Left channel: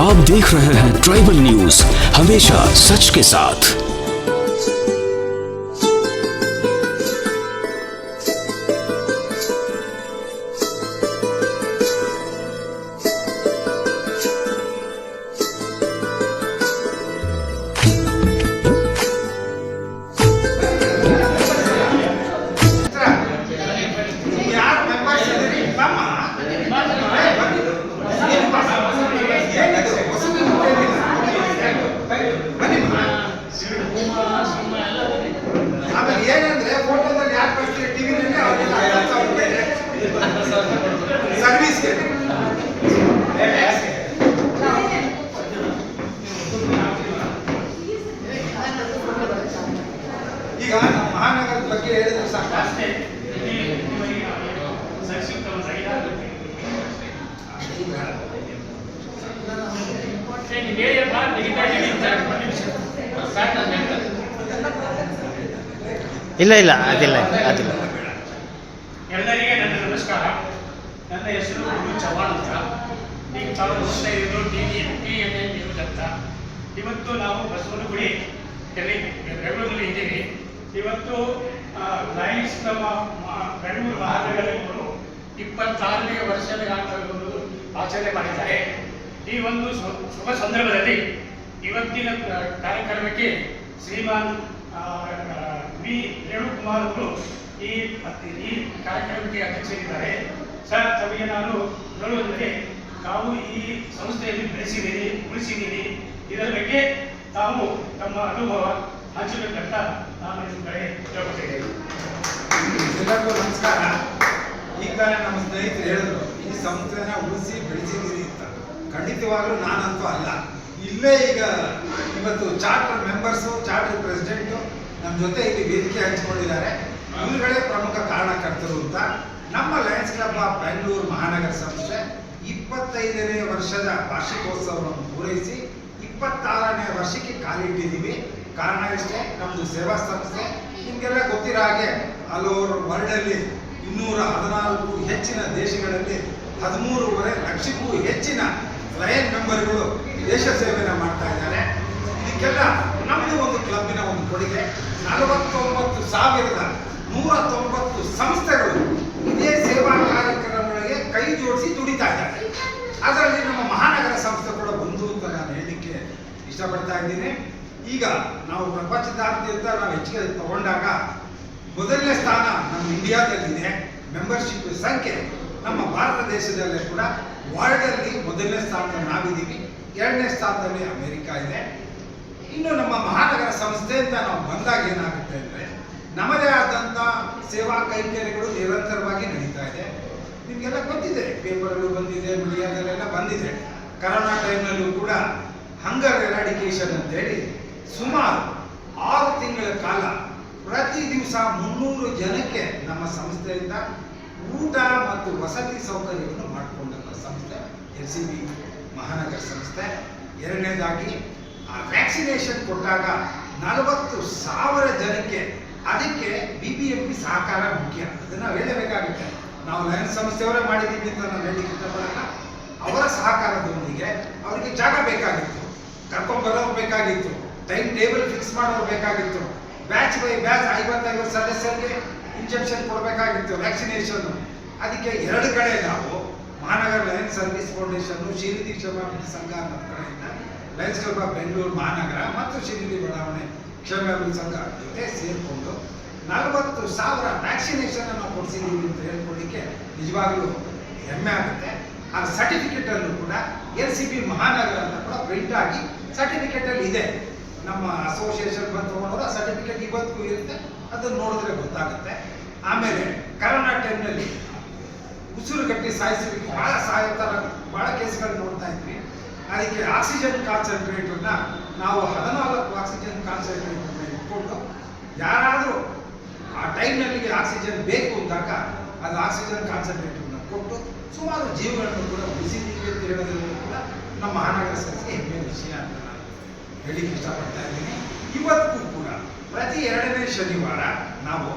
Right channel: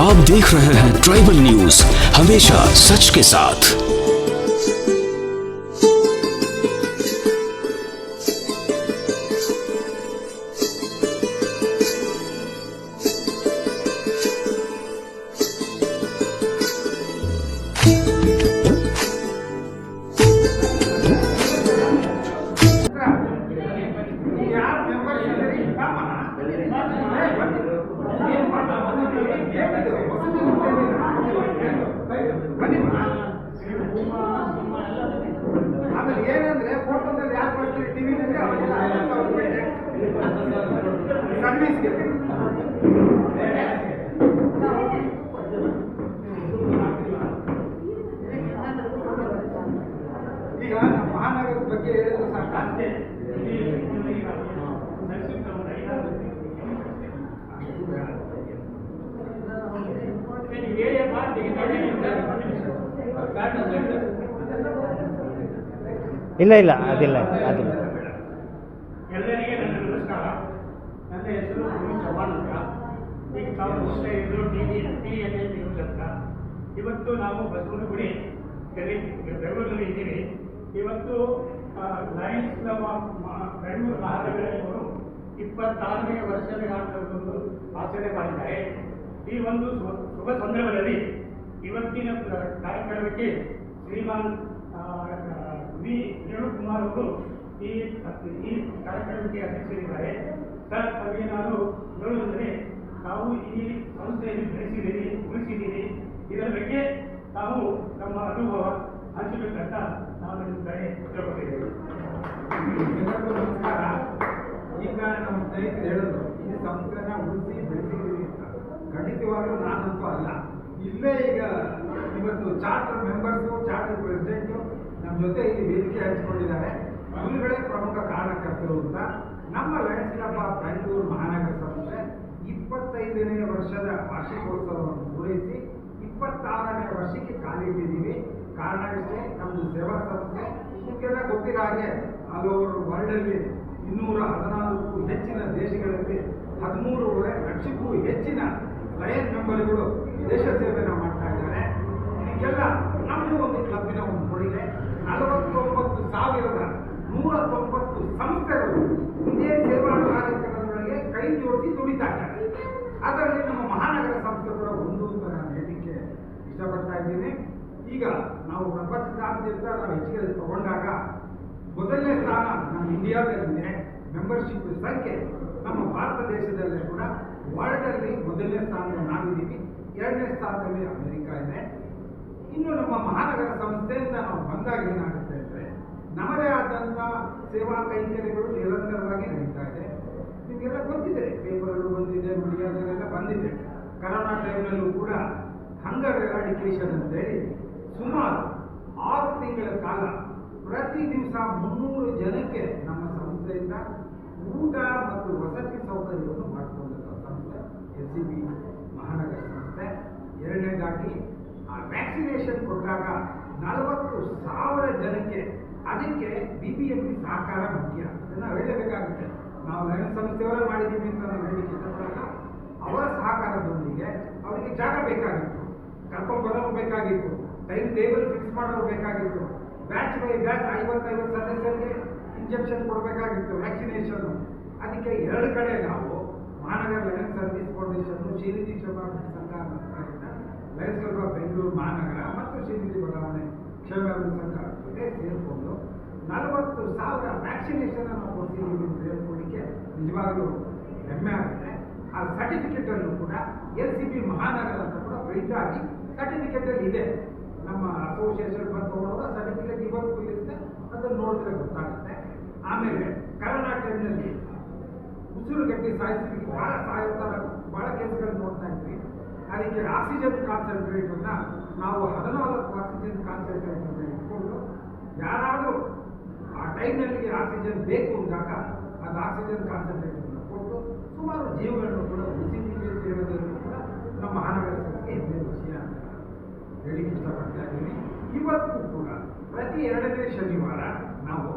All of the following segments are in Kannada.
आप देख रहे हैं ट्राइबल न्यूज, हमेशा सच के साथ। ಆಮೇಲೆ ಏನಂದ್ರೆ ಫೋಟೋದಲ್ಲಿ ಯಾಕೆ ಬರ್ತೀರಿ ಟಿವಿನಲ್ಲಿ ಅವರಿಗೆಲ್ಲ 50,000 ರೂಪಾಯಿ ಸರ್ವಿಸ್ಗೆ. ಈಗ ನಮ್ಮ ಮಹಾನಗರದ ಬಗ್ಗೆ ಹೇಳಿದ್ರೆ ಸಾಕು. ಇಲ್ಲ ಇಲ್ಲ ಅದಿಲ್ಲ ಅದಿಲ್ಲ. ಎಲ್ಲರಿಗೆ ನನ್ನ ನಮಸ್ಕಾರ. ನನ್ನ ಹೆಸರು ಚವ್ಹಾಣ್ ಅಂತ. ಈಗ ತಾವು ನೋಡ್ತಾ ಇರೋದು TNN ನ್ಯೂಸ್ ಅಂತ. ಇವತ್ತು ನಾವು ಬಸವನಗುಡಿ ಬೆಂಗಳೂರಲ್ಲಿ ಇದ್ದೀವಿ. ಇವತ್ತು ಲಯನ್ಸ್ ಕ್ಲಬ್ ಬೆಂಗಳೂರು ಮಹಾನಗರಗಳು 26ನೇ ವರ್ಷದ ಆಚರಣೆ ಮಾಡಿದ್ದಾರೆ. ಈ ಒಂದು ಶುಭ ಸಂದರ್ಭದಲ್ಲಿ ಇವತ್ತಿನ ಕಾರ್ಯಕ್ರಮಕ್ಕೆ ಶ್ರೀಮಾನ್ ವಿ ರೇಣುಕುಮಾರ್ ಅವರು ಈ ಕಾರ್ಯಕ್ರಮಕ್ಕೆ ಅಧ್ಯಕ್ಷರಿದ್ದಾರೆ. ಸರ್, ತಮಗೆ ನಾನು ಹೇಳುವುದಂದರೆ ತಾವು ಈ ಸಂಸ್ಥೆಯಲ್ಲಿ ಬೆಳೆಸಿದ್ದೀರಿ, ಉಳಿಸಿದ್ದೀರಿ. ಇದರ ಬಗ್ಗೆ ತಾವು ತಮ್ಮ ಅನುಭವ ಹಂಚಬೇಕಂತ ನಾನು ನಿಮ್ಮ ಕಡೆ ಕೇಳ್ಕೊತಿದ್ದೇನೆ. ಎಲ್ಲರಿಗೂ ನಮಸ್ಕಾರ. ಈಗ ನಮ್ಮ ಸ್ನೇಹಿತರು ಹೇಳಿದ್ರು ಈ ಸಂಸ್ಥೆನ ಉಳಿಸಿ ಬೆಳೆಸಿದ್ದೀರಿ ಅಂತ. ಖಂಡಿತವಾಗ್ಲೂ ನಾನಂತೂ ಅಲ್ಲ. ಇಲ್ಲೇ ಈಗ ಇವತ್ತು ಚಾರ್ಟರ್ ಮೆಂಬರ್ಸು, ಚಾರ್ಟರ್ ಪ್ರೆಸಿಡೆಂಟು ನಮ್ಮ ಜೊತೆ ಇಲ್ಲಿ ವೇದಿಕೆ ಹಂಚಿಕೊಂಡಿದ್ದಾರೆ. ಇವರುಗಳೇ ಪ್ರಮುಖ ಕಾರಣಕರ್ತರು ಅಂತ. ನಮ್ಮ ಲಯನ್ಸ್ ಕ್ಲಬ್ ಆಫ್ ಬೆಂಗಳೂರು ಮಹಾನಗರ ಸಂಸ್ಥೆ 25ನೇ ವರ್ಷದ ವಾರ್ಷಿಕೋತ್ಸವವನ್ನು ಪೂರೈಸಿ 26ನೇ ವರ್ಷಕ್ಕೆ ಕಾಲಿಟ್ಟಿದ್ದೀವಿ. ಕಾರಣ ಇಷ್ಟೇ, ನಮ್ಮದು ಸೇವಾ ಸಂಸ್ಥೆ. ನಿಮಗೆಲ್ಲ ಗೊತ್ತಿರೋ ಹಾಗೆ ಆಲ್ ಓವರ್ ವರ್ಲ್ಡಲ್ಲಿ 214ಕ್ಕೂ ಹೆಚ್ಚಿನ ದೇಶಗಳಲ್ಲಿ 13.5 ಲಕ್ಷಕ್ಕೂ ಹೆಚ್ಚಿನ ಲಯನ್ ಮೆಂಬರ್ಗಳು ದೇಶ ಸೇವೆಯನ್ನು ಮಾಡ್ತಾ ಇದ್ದಾರೆ. ಇದಕ್ಕೆಲ್ಲ ನಮ್ಮದು ಒಂದು ಕ್ಲಬ್ಬಿನ ಒಂದು ಕೊಡುಗೆ. 49,190 ಸಂಸ್ಥೆಗಳು ಇದೇ ಸೇವಾ ಕಾರ್ಯಕ್ರಮಗಳಿಗೆ ಕೈ ಜೋಡಿಸಿ ದುಡಿತಾ ಇದ್ದಾರೆ. ಅದರಲ್ಲಿ ನಮ್ಮ ಮಹಾನಗರ ಸಂಸ್ಥೆ ಕೂಡ ಒಂದು ಅಂತ ನಾನು ಹೇಳಲಿಕ್ಕೆ ಇಷ್ಟಪಡ್ತಾ ಇದ್ದೀನಿ. ಈಗ ನಾವು ಪ್ರಪಂಚದಾದ್ಯಂತ ನಾವು ಹೆಚ್ಚಿಗೆ ತಗೊಂಡಾಗ ಮೊದಲನೇ ಸ್ಥಾನ ನಮ್ಮ ಇಂಡಿಯಾದಲ್ಲಿದೆ. ಮೆಂಬರ್ಶಿಪ್ ಸಂಖ್ಯೆ ನಮ್ಮ ಭಾರತ ದೇಶದಲ್ಲೇ ಕೂಡ ವರ್ಲ್ಡಲ್ಲಿ ಮೊದಲನೇ ಸ್ಥಾನದಲ್ಲಿ ನಾವಿದ್ದೀವಿ. 2ನೇ ಸ್ಥಾನದಲ್ಲಿ ಅಮೆರಿಕ ಇದೆ. ಇನ್ನು ನಮ್ಮ ಮಹಾನಗರ ಸಂಸ್ಥೆ ಅಂತ ನಾವು ಬಂದಾಗ ಏನಾಗುತ್ತೆ ಅಂದರೆ ನಮ್ಮದೇ ಆದಂಥ ಸೇವಾ ಕೈಂಕರ್ಯಗಳು ನಿರಂತರವಾಗಿ ನಡೀತಾ ಇದೆ. ನಿಮಗೆಲ್ಲ ಗೊತ್ತಿದೆ, ಪೇಪರ್ಗಳು ಬಂದಿದೆ, ಮೀಡಿಯಾದಲ್ಲೆಲ್ಲ ಬಂದಿದೆ. ಕರೋನಾ ಟೈಮ್ನಲ್ಲೂ ಕೂಡ ಹಂಗರ್ ಎರಾಡಿಕೇಶನ್ ಅಂತೇಳಿ ಸುಮಾರು 6 ತಿಂಗಳ ಕಾಲ ಪ್ರತಿ ದಿವಸ 300 ಜನಕ್ಕೆ ನಮ್ಮ ಸಂಸ್ಥೆಯಿಂದ ಊಟ ಮತ್ತು ವಸತಿ ಸೌಕರ್ಯವನ್ನು ಮಾಡಿಕೊಂಡಂಥ ಸಂಸ್ಥೆ LCB ಮಹಾನಗರ ಸಂಸ್ಥೆ. ಎರಡನೇದಾಗಿ ಆ ವ್ಯಾಕ್ಸಿನೇಷನ್ ಕೊಟ್ಟಾಗ 40,000 ಜನಕ್ಕೆ, ಅದಕ್ಕೆ BBMP ಸಹಕಾರ ಮುಖ್ಯ. ಅದನ್ನು ಹೇಳಬೇಕಾಗುತ್ತೆ. ನಾವು ಲಯನ್ಸ್ ಸಂಸ್ಥೆಯವರೇ ಮಾಡಿದ್ದೀವಿ ಅಂತ ನಾನು ಹೇಳಲಿಕ್ಕೆ ಇಷ್ಟಪಡಲ್ಲ. ಅವರ ಸಹಕಾರದೊಂದಿಗೆ ಅವರಿಗೆ ಜಾಗ ಬೇಕಾಗಿತ್ತು, ಕರ್ಕೊಂಡ್ಬರೋರು ಬೇಕಾಗಿತ್ತು, ಟೈಮ್ ಟೇಬಲ್ ಫಿಕ್ಸ್ ಮಾಡೋರು ಬೇಕಾಗಿತ್ತು, ಬ್ಯಾಚ್ ಬೈ ಬ್ಯಾಚ್ 50 ಸದಸ್ಯರಿಗೆ ಇಂಜೆಕ್ಷನ್ ಕೊಡಬೇಕಾಗಿತ್ತು, ವ್ಯಾಕ್ಸಿನೇಷನ್. ಅದಕ್ಕೆ 2 ಕಡೆ ನಾವು ಮಹಾನಗರ ಲಯನ್ಸ್ ಸರ್ವಿಸ್ ಫೌಂಡೇಶನ್, ಶ್ರೀನಿಧಿ ಕ್ಷೇಮಾಭಿವೃದ್ಧಿ ಸಂಘ ಅನ್ನೋ ಕಡೆಯಿಂದ ಲಯನ್ಸ್ ಕ್ಲಬ್ ಆಫ್ ಬೆಂಗಳೂರು ಮಹಾನಗರ ಮತ್ತು ಶ್ರೀನಿಧಿ ಬಡಾವಣೆ ಕ್ಷೇಮಾಭಿವೃದ್ಧಿ ಸಂಘ ಜೊತೆ ಸೇರಿಕೊಂಡು 40,000 ವ್ಯಾಕ್ಸಿನೇಷನ್ ಅನ್ನು ಕೊಡಿಸಿದ್ದೀವಿ ಅಂತ ಹೇಳ್ಕೊಳ್ಳಿಕ್ಕೆ ನಿಜವಾಗ್ಲೂ ಹೆಮ್ಮೆ ಆಗುತ್ತೆ. ಆ ಸರ್ಟಿಫಿಕೇಟ್ ಅನ್ನು ಕೂಡ LCB ಮಹಾನಗರ ಅಂತ ಕೂಡ ಪ್ರಿಂಟ್ ಆಗಿ ಸರ್ಟಿಫಿಕೇಟ್ ಅಲ್ಲಿ ಇದೆ. ನಮ್ಮ ಅಸೋಸಿಯೇಷನ್ ಬಂದು ತಗೊಂಡವರು ಆ ಸರ್ಟಿಫಿಕೇಟ್ ಇವತ್ತಿಗೂ ಇರುತ್ತೆ, ಅದನ್ನು ನೋಡಿದ್ರೆ ಗೊತ್ತಾಗುತ್ತೆ. ಆಮೇಲೆ ಕರೋನಾ ಟೈಮ್ನಲ್ಲಿ ಉಸಿರುಗಟ್ಟಿ ಸಾಯಿಸಲಿಕ್ಕೆ ಬಹಳ ಕೇಸ್ಗಳು ನೋಡ್ತಾ ಇದ್ವಿ. ಅದಕ್ಕೆ ಆಕ್ಸಿಜನ್ ಕಾನ್ಸಂಟ್ರೇಟರ್ನ ನಾವು 14 ಆಕ್ಸಿಜನ್ ಕಾನ್ಸಂಟ್ರೇಟರ್ನ ಇಟ್ಕೊಂಡು ಯಾರಾದರೂ ಆ ಟೈಮ್ನಲ್ಲಿಗೆ ಆಕ್ಸಿಜನ್ ಬೇಕು ಅಂದಾಗ ಅದು ಆಕ್ಸಿಜನ್ ಕಾನ್ಸಂಟ್ರೇಟರ್ನ ಕೊಟ್ಟು ಸುಮಾರು ಜೀವಗಳನ್ನು ಕೂಡ ಉಳಿಸಿದ್ದೀವಿ ಅಂತ ಹೇಳೋದ್ರಲ್ಲಿ ಕೂಡ ನಮ್ಮ ಮಹಾನಗರ ಸಂಸ್ಥೆ ಹೆಮ್ಮೆಯ ವಿಷಯ ಅಂತ ನಾನು ಹೇಳಿಕ್ಕೆ ಇಷ್ಟಪಡ್ತಾ ಇದ್ದೀನಿ. ಇವತ್ತಿಗೂ ಕೂಡ ಪ್ರತಿ 2ನೇ ಶನಿವಾರ ನಾವು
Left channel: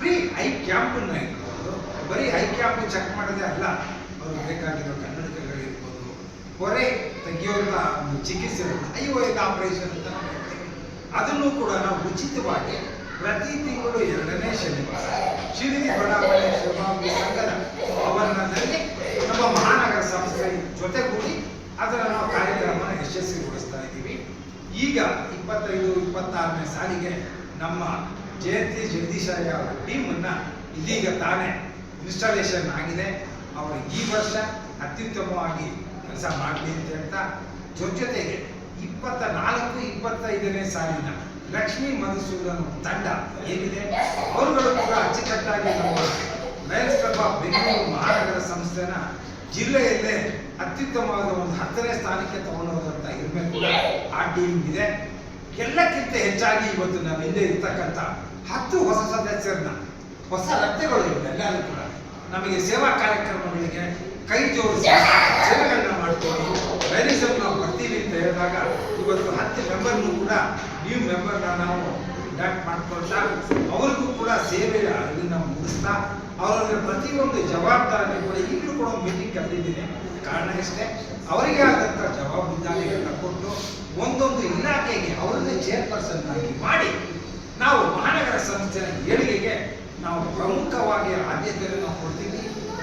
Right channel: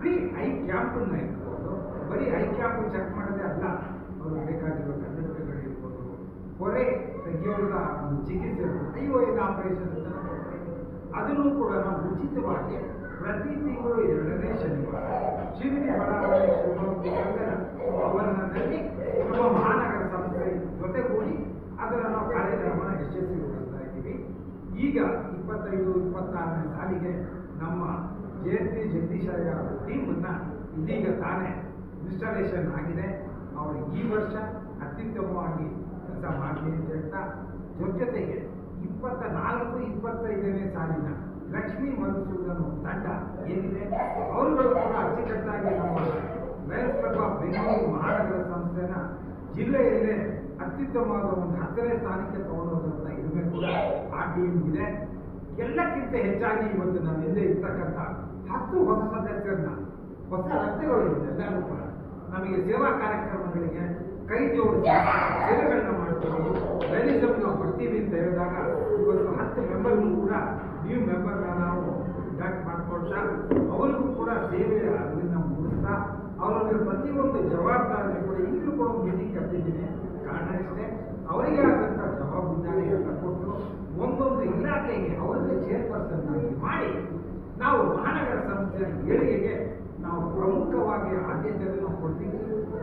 ಫ್ರೀ ಐ ಕ್ಯಾಂಪನ್ನು ಇಟ್ಕೊಂಡು, ಬರೀ ಐ ಕ್ಯಾಂಪ್ ಚೆಕ್ ಮಾಡೋದೇ ಅಲ್ಲ, ಅವ್ರಿಗೆ ಬೇಕಾಗಿರೋ ಕನ್ನಡಕಗಳಿರ್ಬೋದು, ಹೊರೆ ತೆಗೆಯುವಂಥ ಒಂದು ಚಿಕಿತ್ಸೆ IOL ಆಪರೇಷನ್ ಅಂತ ನಾವು ಹೇಳ್ತೇವೆ. ಅದನ್ನು ಕೂಡ ನಾವು ಉಚಿತವಾಗಿ ಪ್ರತಿ ತಿಂಗಳು 2ನೇ ಶನಿವಾರ ಶಿರಡಿ ಬಡಾವಣೆ ಶಿವಭಾವಿ ಸಂಘದ ಆವರಣದಲ್ಲಿ ನಮ್ಮ ಮಹಾನಗರ ಸಂಸ್ಥೆ ಜೊತೆಗೂಡಿ ಅದರ ನಾವು ಕಾರ್ಯಕ್ರಮನ ಯಶಸ್ವಿಗೊಳಿಸ್ತಾ ಇದ್ದೀವಿ. ಈಗ 25-26ನೇ ಸಾಲಿಗೆ ನಮ್ಮ ಜಯಂತಿ ಜಗದೀಶಯ್ಯ ಅವರ ಟೀಮನ್ನ ಇದೀಗ ತಾನೇ ಇನ್ಸ್ಟಾಲೇಷನ್ ಆಗಿದೆ. ಅವರು ಈ ವರ್ಷ ಅತ್ಯುತ್ತಮವಾಗಿ ಕೆಲಸ ಮಾಡಲಿ ಅಂತ ಹೇಳ್ತಾ ಜೊತೆಗೆ 24-25ನೇ ಸಾಲಿನ ಲಕ್ಷ್ಮೀ ಮಧುಸೂದನ್ ತಂಡ ಏನಿದೆ ಅವರುಗಳು ಕೂಡ ಅಚ್ಚುಕಟ್ಟಾಗಿ ನಮ್ಮ ಲಯನ್ಸ್ ಕ್ಲಬ್ ಆಫ್ ಬೆಂಗಳೂರು ಮಹಾನಗರ ಸಂಸ್ಥೆನ ಜಿಲ್ಲೆಯಲ್ಲೇ ಅತ್ಯುತ್ತಮವಾದ ಒಂದು 10ನೇ ಸ್ಥಾನಕ್ಕೆ ತಗೊಂಡೋದಂತ ಇರಬೇಕು. ಆ ಟೀಮ್ ಇದೆ. ಎಲ್ಲಕ್ಕಿಂತ ಹೆಚ್ಚಾಗಿ ಇವತ್ತು ನಮ್ಮ ಹಿಂದೆ ಇರ್ತಕ್ಕಂಥ 10 ಹೊಸ ಸದಸ್ಯರನ್ನ ಹೊಸ ರಕ್ತಗಳು ಎಲ್ಲರೂ ಕೂಡ ನಮಗೆ ಸೇವಾ ಕಾರ್ಯಕ್ರಮಗಳಿಗೆ ಕೈ ಜೋಡಿಸಿ ಸೇವೆಗಳನ್ನ ಮಾಡ್ತೀವಿ. ಮ್ಯಾನೇಜರ್ ನಾವು ಬರ್ತೀವಿ ಅಂತ ಹೇಳಿದಾಗ ಇವತ್ತು 10 ಮೆಂಬರ್ನು ಕೂಡ ನ್ಯೂ ಮೆಂಬರ್ನ ನಾವು ಇಂಡಕ್ಟ್ ಮಾಡ್ಕೊಳ್ತಾ ಅವ್ರಿಗೂ ಕೂಡ ಸೇವೆಯ ಅರಿವಿನ ಮೂಡಿಸ್ತಾ ಅವರ ಪ್ರತಿಯೊಂದು ಜವಾಬ್ದಾರಿ ಕೂಡ ಈಗಲೂ ಕೂಡ ಮೀಟಿಂಗ್ ಕರೆದಿದ್ದೀನಿ. ಕಾರಣ ಇಷ್ಟೇ, ಅವರಿಗೆ ಆದಂಥ ಜವಾಬ್ದಾರಿಗಳನ್ನ ಕೊಟ್ಟು ಒಂದೊಂದು ಇಲಾಖೆಗೆ ಅವರನ್ನೇ ಚೇರ್ಪರ್ಸನ್ ಆಗಿ ಮಾಡಿ ನಾವು ಮಹಾನಗರ ಸಂಸ್ಥೆಯ ಏಳಿಗೆಗೆ ನಾವು ಪ್ರಮುಖವಾಗಿ ಆದ್ಯತೆಯನ್ನು ನಾವು ಕೊಡ್ತೀವಿ.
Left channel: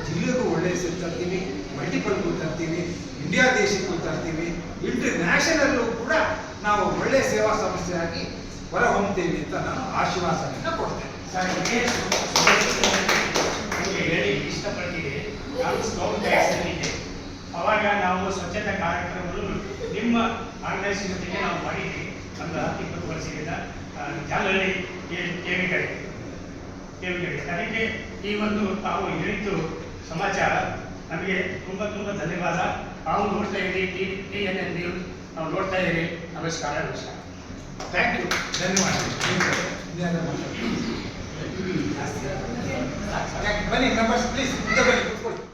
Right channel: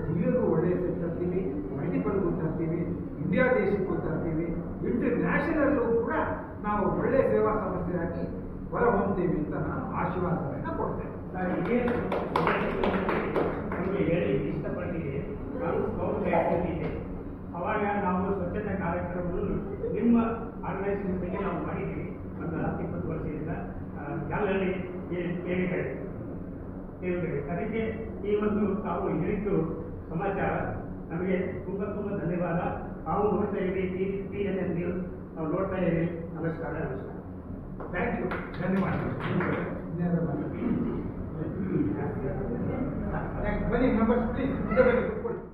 ಜಿಲ್ಲೆಗೂ ಒಳ್ಳೆಯ ಹೆಸರು ತರ್ತೀವಿ, ಮಲ್ಟಿಪಲ್ಗೂ ತರ್ತೀವಿ, ಇಂಡಿಯಾ ದೇಶಕ್ಕೂ ತರ್ತೀವಿ, ಇಂಟರ್ನ್ಯಾಷನಲ್ಲೂ ಕೂಡ ನಾವು ಒಳ್ಳೆಯ ಸೇವಾ ಸಂಸ್ಥೆಯಾಗಿ ಹೊರಹೊಮ್ತೀವಿ ಅಂತ ನಾನು ಆಶ್ವಾಸನೆಯನ್ನು ಕೊಡ್ತೇನೆ. ನಿಮಗೆ ಹೇಳಿ ಇಷ್ಟಪಡ್ತೀನಿ. ನಾನು ಸ್ಕೌಟ್ ಗೈಡ್ಸ್ನಲ್ಲಿದ್ದೆ. ಅವಾಗ ನಾವು ಸ್ವಚ್ಛತಾ ಕಾರ್ಯಕ್ರಮಗಳು ನಿಮ್ಮ ಆರ್ಗನೈಸೇಷನ್ ಜೊತೆಗೆ ನಾವು ಮಾಡಿದ್ವಿ. ಒಂದು 10-20 ವರ್ಷದಿಂದ ಜಾಲಹಳ್ಳಿ ಕೇವಿಗಡೆ ಅದಕ್ಕೆ ಈ ಒಂದು ತಾವು ಹೇಳಿದ್ದು ಸಮಾಚಾರ ನಮಗೆ ತುಂಬ ಧನ್ಯವಾದ. ತಾವು ನೋಡ್ತಾ ಇರಿ TNN ನ್ಯೂಸ್, ನಾವು ನೋಡ್ತಾ ಇರಿ. ನಮಸ್ಕಾರ. ಥ್ಯಾಂಕ್ ಯು, ಧನ್ಯವಾದ. ಬನ್ನಿ ಮೆಂಬರ್ಸ್ ಪ್ಲೀಸ್ ಮುಂದೆ ಬನ್ನಿ, ಕೂತ್ಕೊಳ್ಳಿ.